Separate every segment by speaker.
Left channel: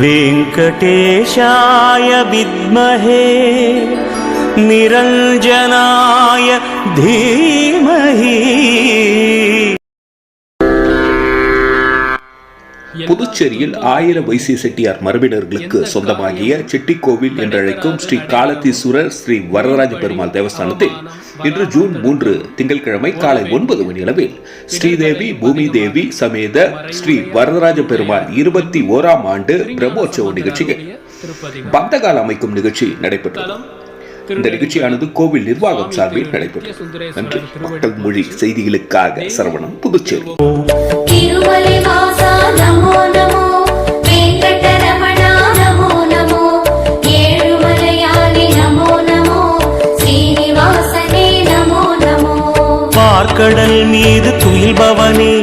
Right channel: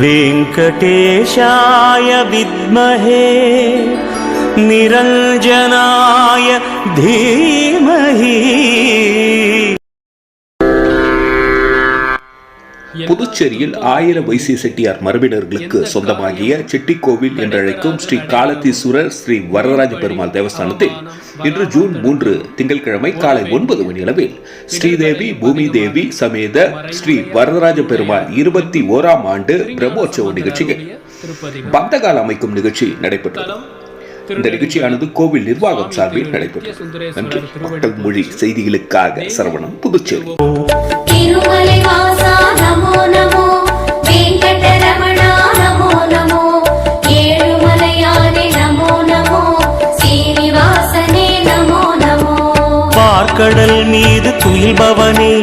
Speaker 1: वेङ्कटेशाय विद्महे निरञ्जनाय धीमहि
Speaker 2: புதுச்சேரியில் ஆயிர வைசிய செட்டியார் மரபினர்களுக்கு சொந்தமாகிய செட்டிக்கோவில் என்றழைக்கும் ஸ்ரீ காலத்தீஸ்வரர் ஸ்ரீ வரதராஜ பெருமாள் தேவஸ்தானத்தில் இன்று ஜூன் மூன்று திங்கட்கிழமை காலை ஒன்பது மணி அளவில் ஸ்ரீதேவி பூமி தேவி சமேத ஸ்ரீ வரதராஜ பெருமாள் இருபத்தி ஓராம் ஆண்டு பிரம்மோற்சவ நிகழ்ச்சியில் பந்தகால் அமைக்கும் நிகழ்ச்சி நடைபெற்றது. இந்த நிகழ்ச்சியானது கோவில் நிர்வாகம் சார்பில் நடைபெற்றது. நன்றி. மக்கள் மொழி செய்திகளுக்காக சரவணன் புதுச்சேரி.
Speaker 1: பார்க்கடல் மீது துயில்பவனே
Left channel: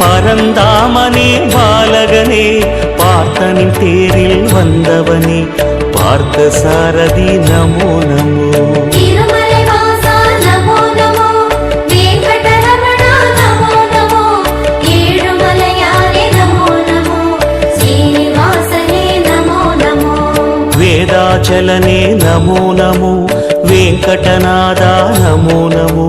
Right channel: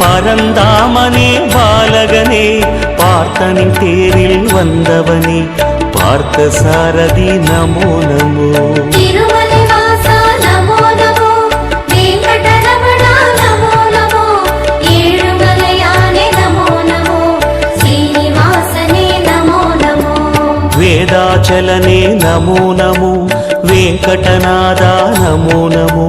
Speaker 1: பரந்தாமனே பாலகனே பார்த்தனின் தேரில் வந்தவனே பார்த்த சாரதி நமோ நமோ
Speaker 3: తిరుమలి వాసా నమో నమో వెంకటరమణ నమో నమో ఏడుమలయాని నమో నమో శ్రీనివాసనే నమో నమో
Speaker 1: వేదాచలనే నమో నమో వెంకటనాథ నమో నమో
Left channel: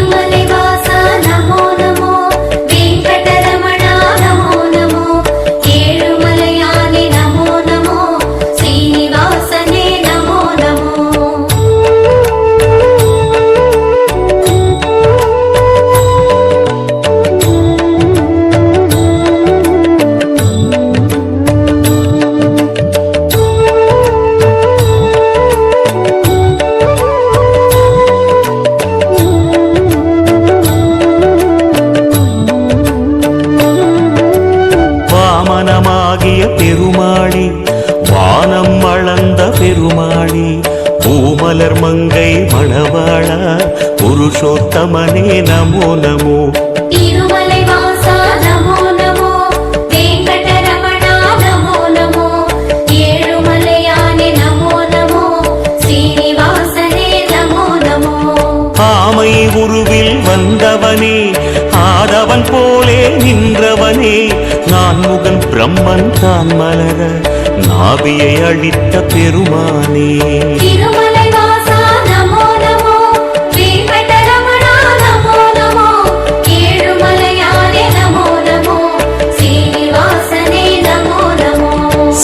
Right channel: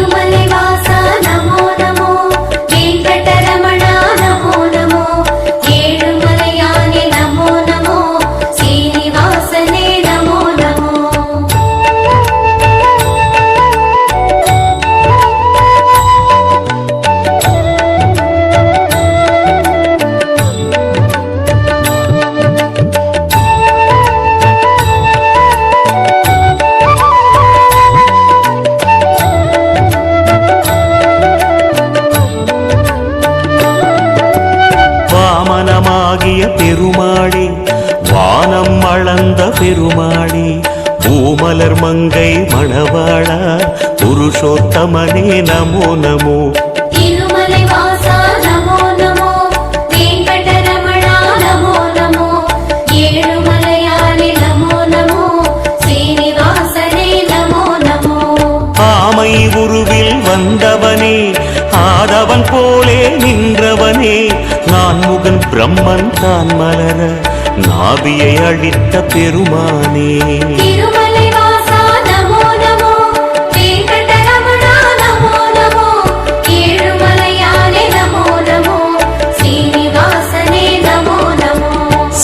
Speaker 1: பாத பெருமாளி பூமலர் மங்கை மணவாளா புருஷோத்தமனே நமோ நமோ. ஆமை உருவில் வந்தவனே ஆதவன் போலே நின்றவனே நான் முகன் பிரம்மன் தான் மலர. நாபியை அழித்த பெருமானே.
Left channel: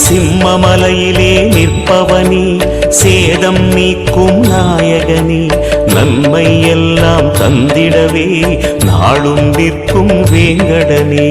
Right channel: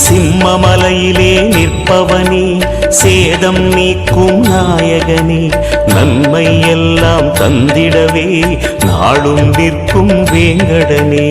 Speaker 1: சிம்மமலையிலே நிற்பவனே சேதம் நீக்கும் நாயகனே. நன்மை எல்லாம் தந்திடவே நாளும் நிற்கும் வேங்கடனே.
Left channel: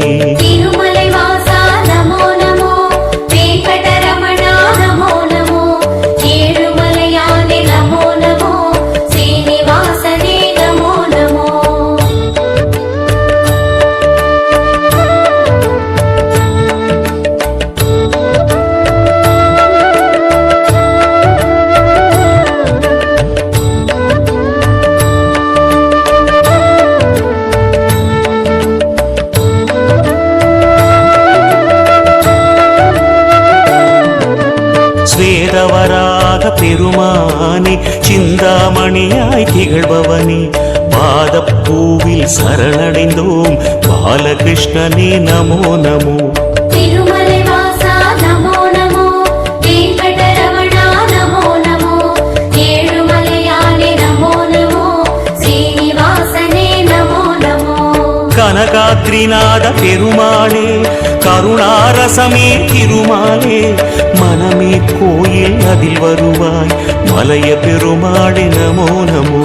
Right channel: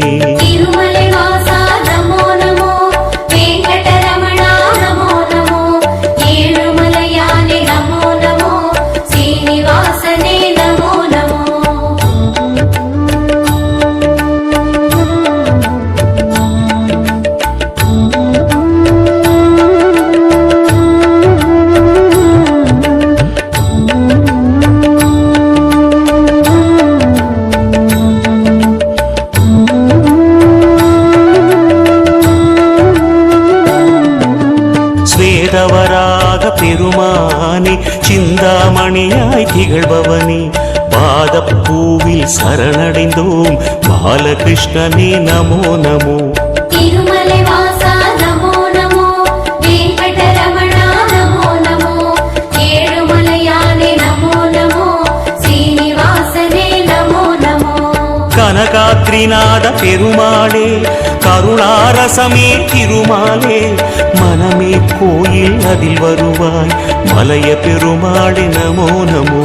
Speaker 1: சிந்தாமணியாய் திகழ்பவனே. பாதப்பூவில் சரணடைந்தோம். பாலகிருஷ்ணனே நமோ நமோ. கனகாத்ரிநாத பெருமாளே கருணாரசமே திருமாலே மனமே கோயில் அதில் வருவாய் மலைய பெருமாளே நமோ நமோ.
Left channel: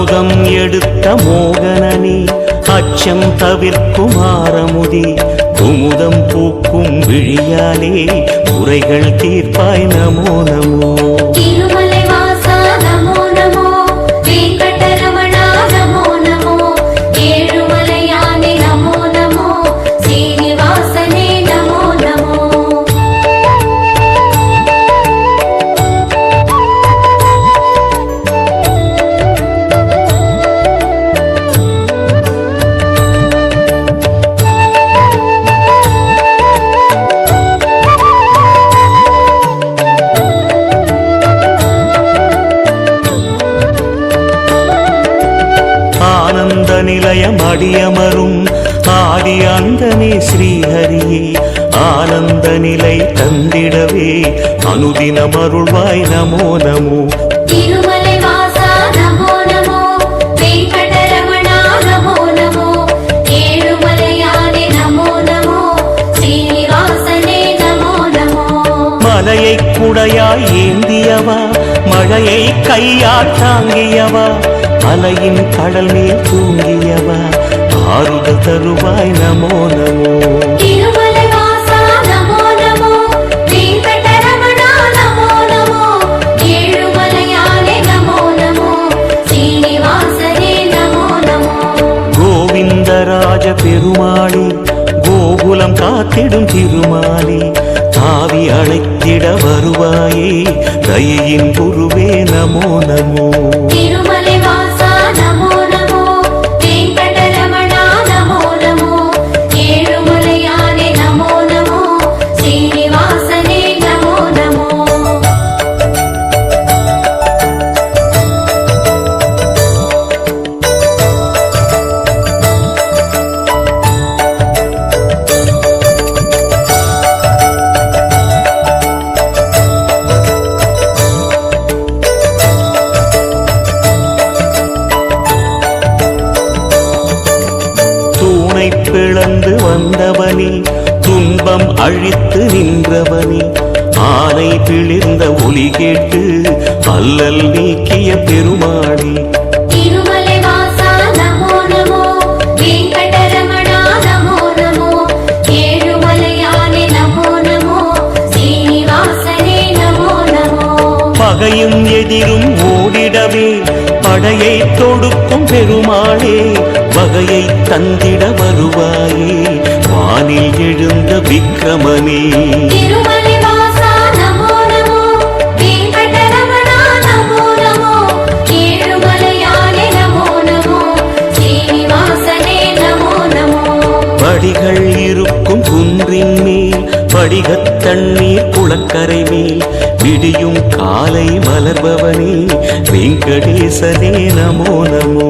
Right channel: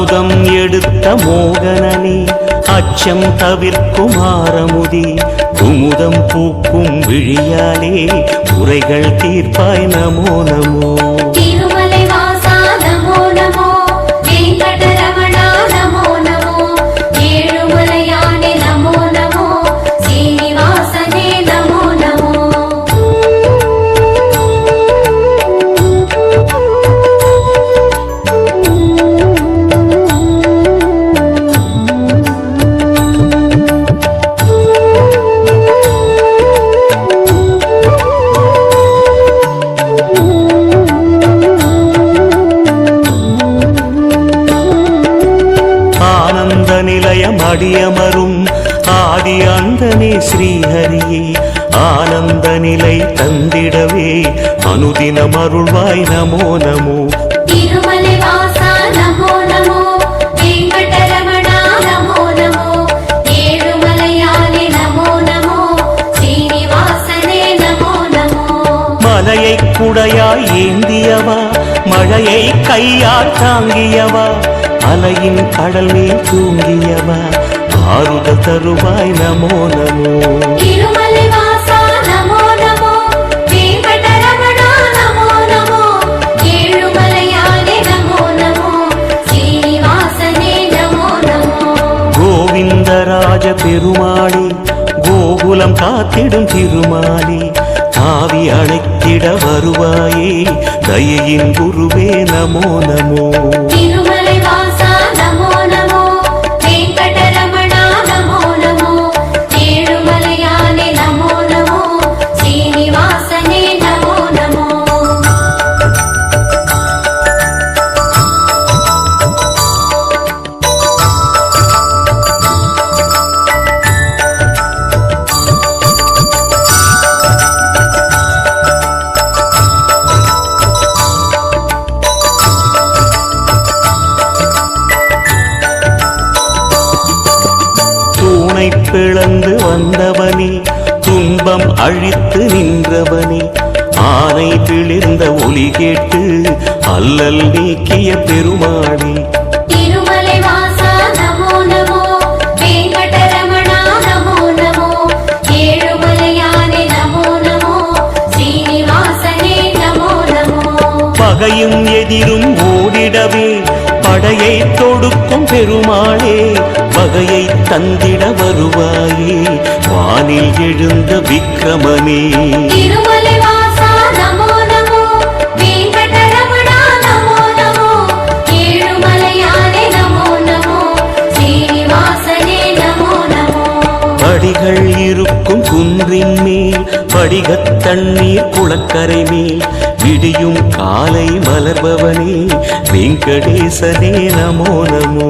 Speaker 1: அமுதம் எடுத்த மோகனனே அச்சம் தவிர்க்கும் ஆரமுதே. குமுதம் பூக்கும் விழியாலே முறைகள் தீர்ப்பாய் நமோ நமோ.
Speaker 4: நமோ
Speaker 5: ஸ்ரீனிவாசனே நமோ நமோ.
Speaker 4: மலையை குடையாய் ஏந்தியவா? மழையை கையால் தாங்கியவா அலையின் கடல் மேல் தூங்கியவா? ஆறுதல் தருவாய் நமோ நமோ. வரதராஜ பெருமாளி கோகுலம் காத்திடும் திருமாலி தாவி அழைத்திட வருவாயே தயையின் குருவே நமோ நமோ. பிளந்து வந்தவனே துன்பம் அழித்து நின்றவனே. ஆனை பிளிர்ந்த ஒலி கேட்டு அல்லல் நீக்கிய பெருமாளே பகையும் எதிரும் ஓடிடவே படையை தொடுக்கும் பெருமாளே வகையை தந்திட வருவாயே. வானில் எழுந்த விக்கிரமனே படிகள் இருக்கும் குன்றின் மேல் படிகத் தண்ணீர் குளக்கரை மேல் விடியும் காலை மலர்பவனே வெங்கடேசனே நமோ நமோ.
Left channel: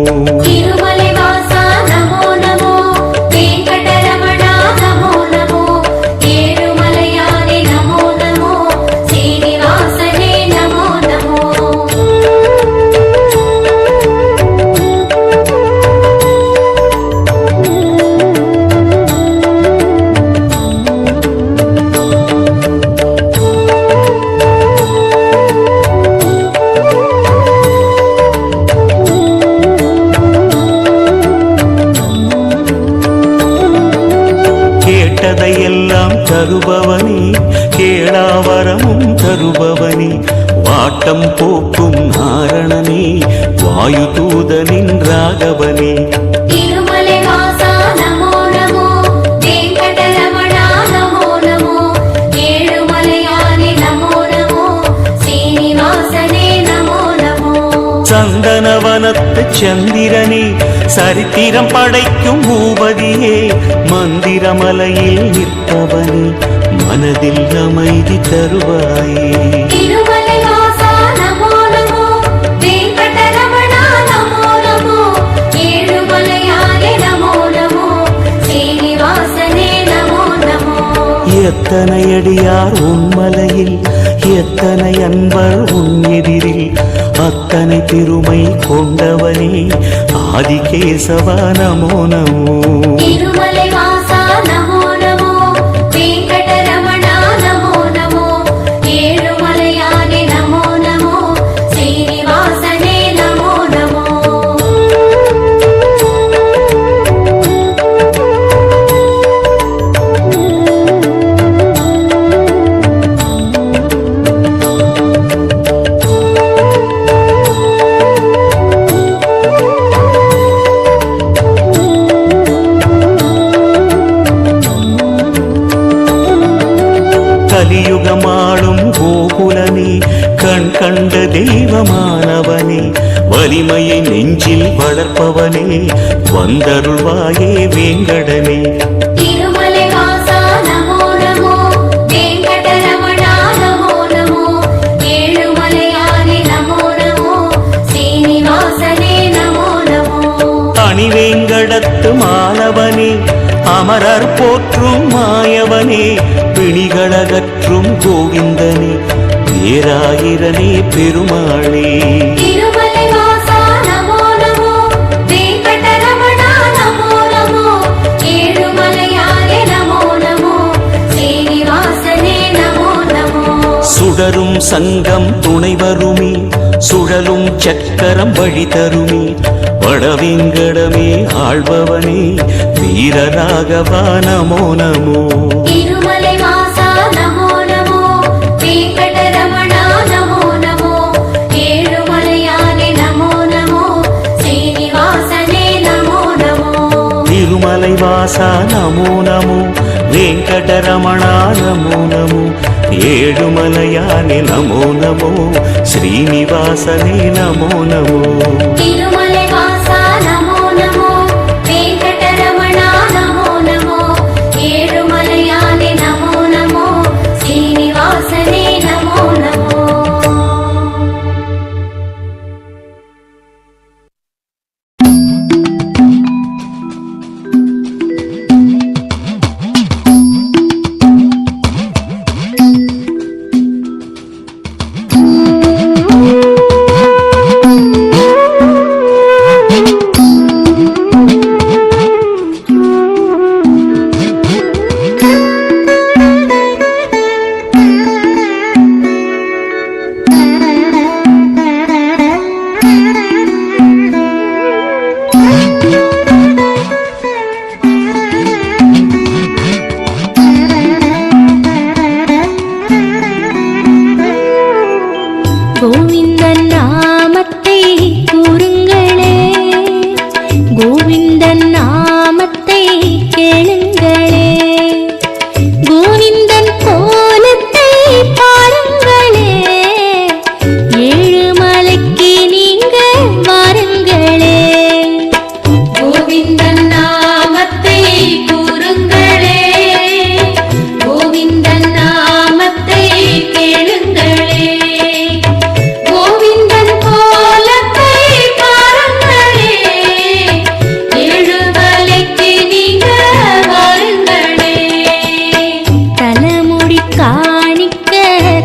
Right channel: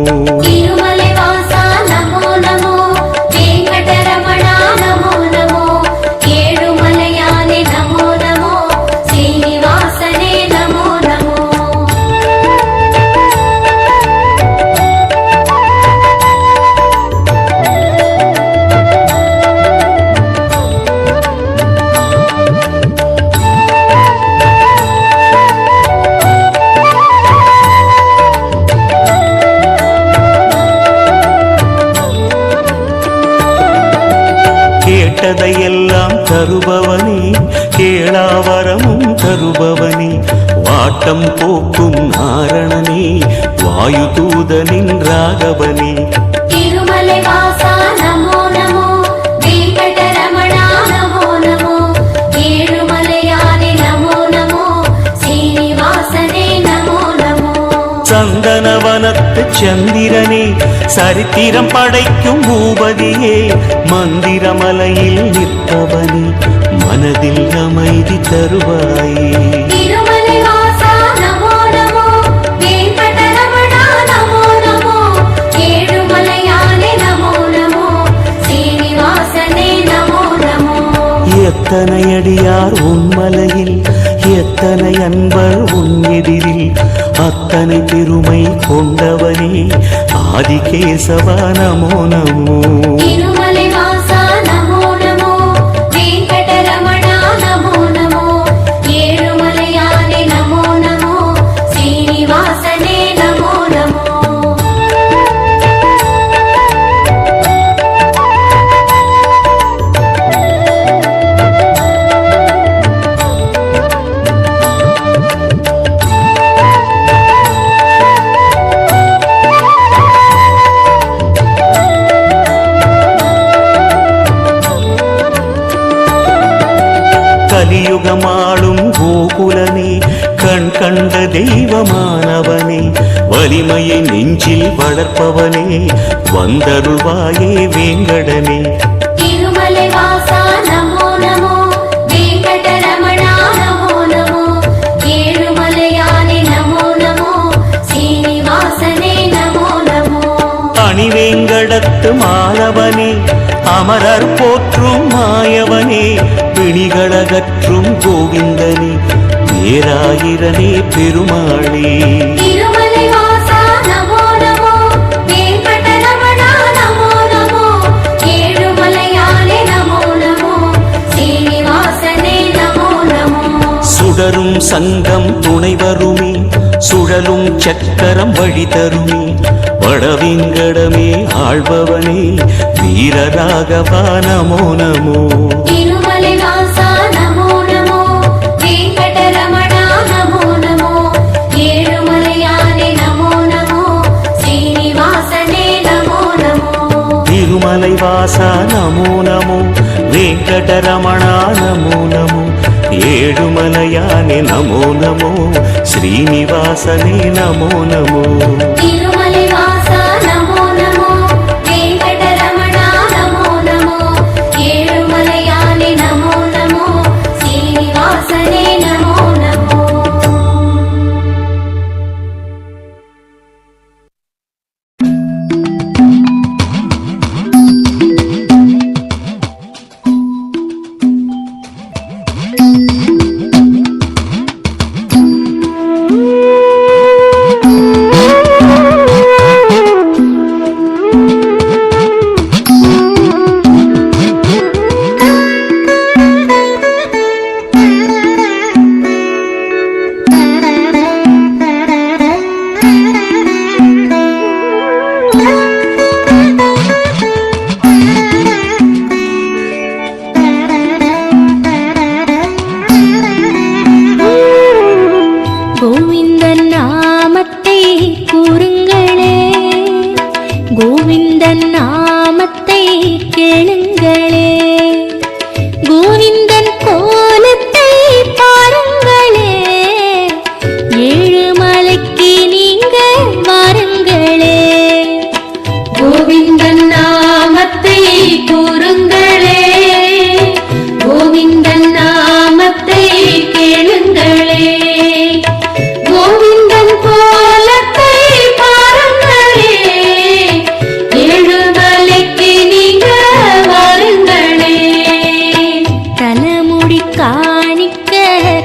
Speaker 4: தருபவனே கேளாவரமும் தருபவனே. வாட்டம் போக்கும் நாரணனே வாயு தூதனின் ராகவனே. சந்தனவனத்து சந்திரனே சரித்திரம் படைக்கும் பூபதியே மந்திரமலையில் நிற்பவனே மனதில் அமைதி தருவாயே. எத்தனை அடியார் உன்மலையில் எத்தனை அன்பர் உன் எதிரில் அத்தனை பெருமை கொண்டவனே ஆதிகேசவ நமோ நமோ. நெஞ்சில் வளர்ப்பவனே வந்தருள்வாயே வேங்கடனே.
Speaker 1: அணிவேங்கடத்து மாலவனே அமரர் போற்றும் மாயவனே பிணிகளகற்றும் கோவிந்தனே ஏராயிரனே பெருமாளே. சுடரும் சங்கம் துணை வருமே சுழலும் சக்கரம் வழி தருமே. வடவேங்கடமே ஆழ்பவனே வீரராகவா நமோ நமோ.
Speaker 3: திருமலை வாசா நமோ நமோ.
Speaker 1: వెంకటరమణా నమో ఏడుమలయాని నమో నమో శ్రీనివాసనే నమో నమో
Speaker 4: കുറുങ്ങളെ ഗോവിന്ദനാ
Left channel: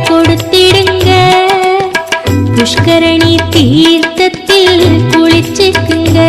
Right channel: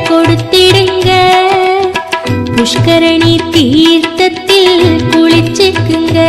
Speaker 4: கொடுத்திடுங்க. புஷ்கரணி தீர்த்தத்தில் குளிச்சுக்குங்க.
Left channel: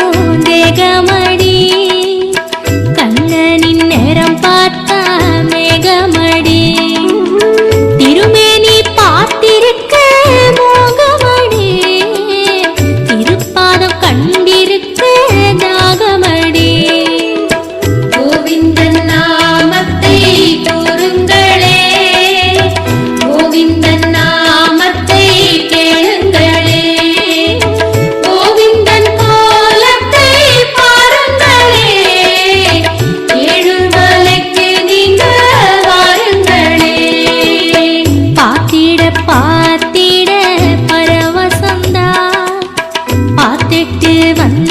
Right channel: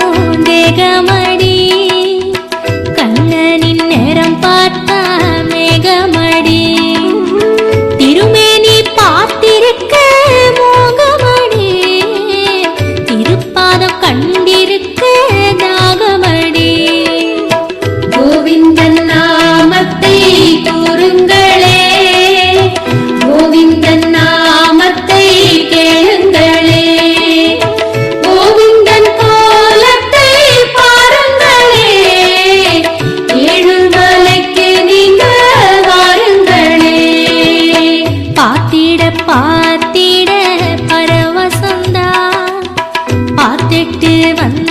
Speaker 4: நமோ வந்த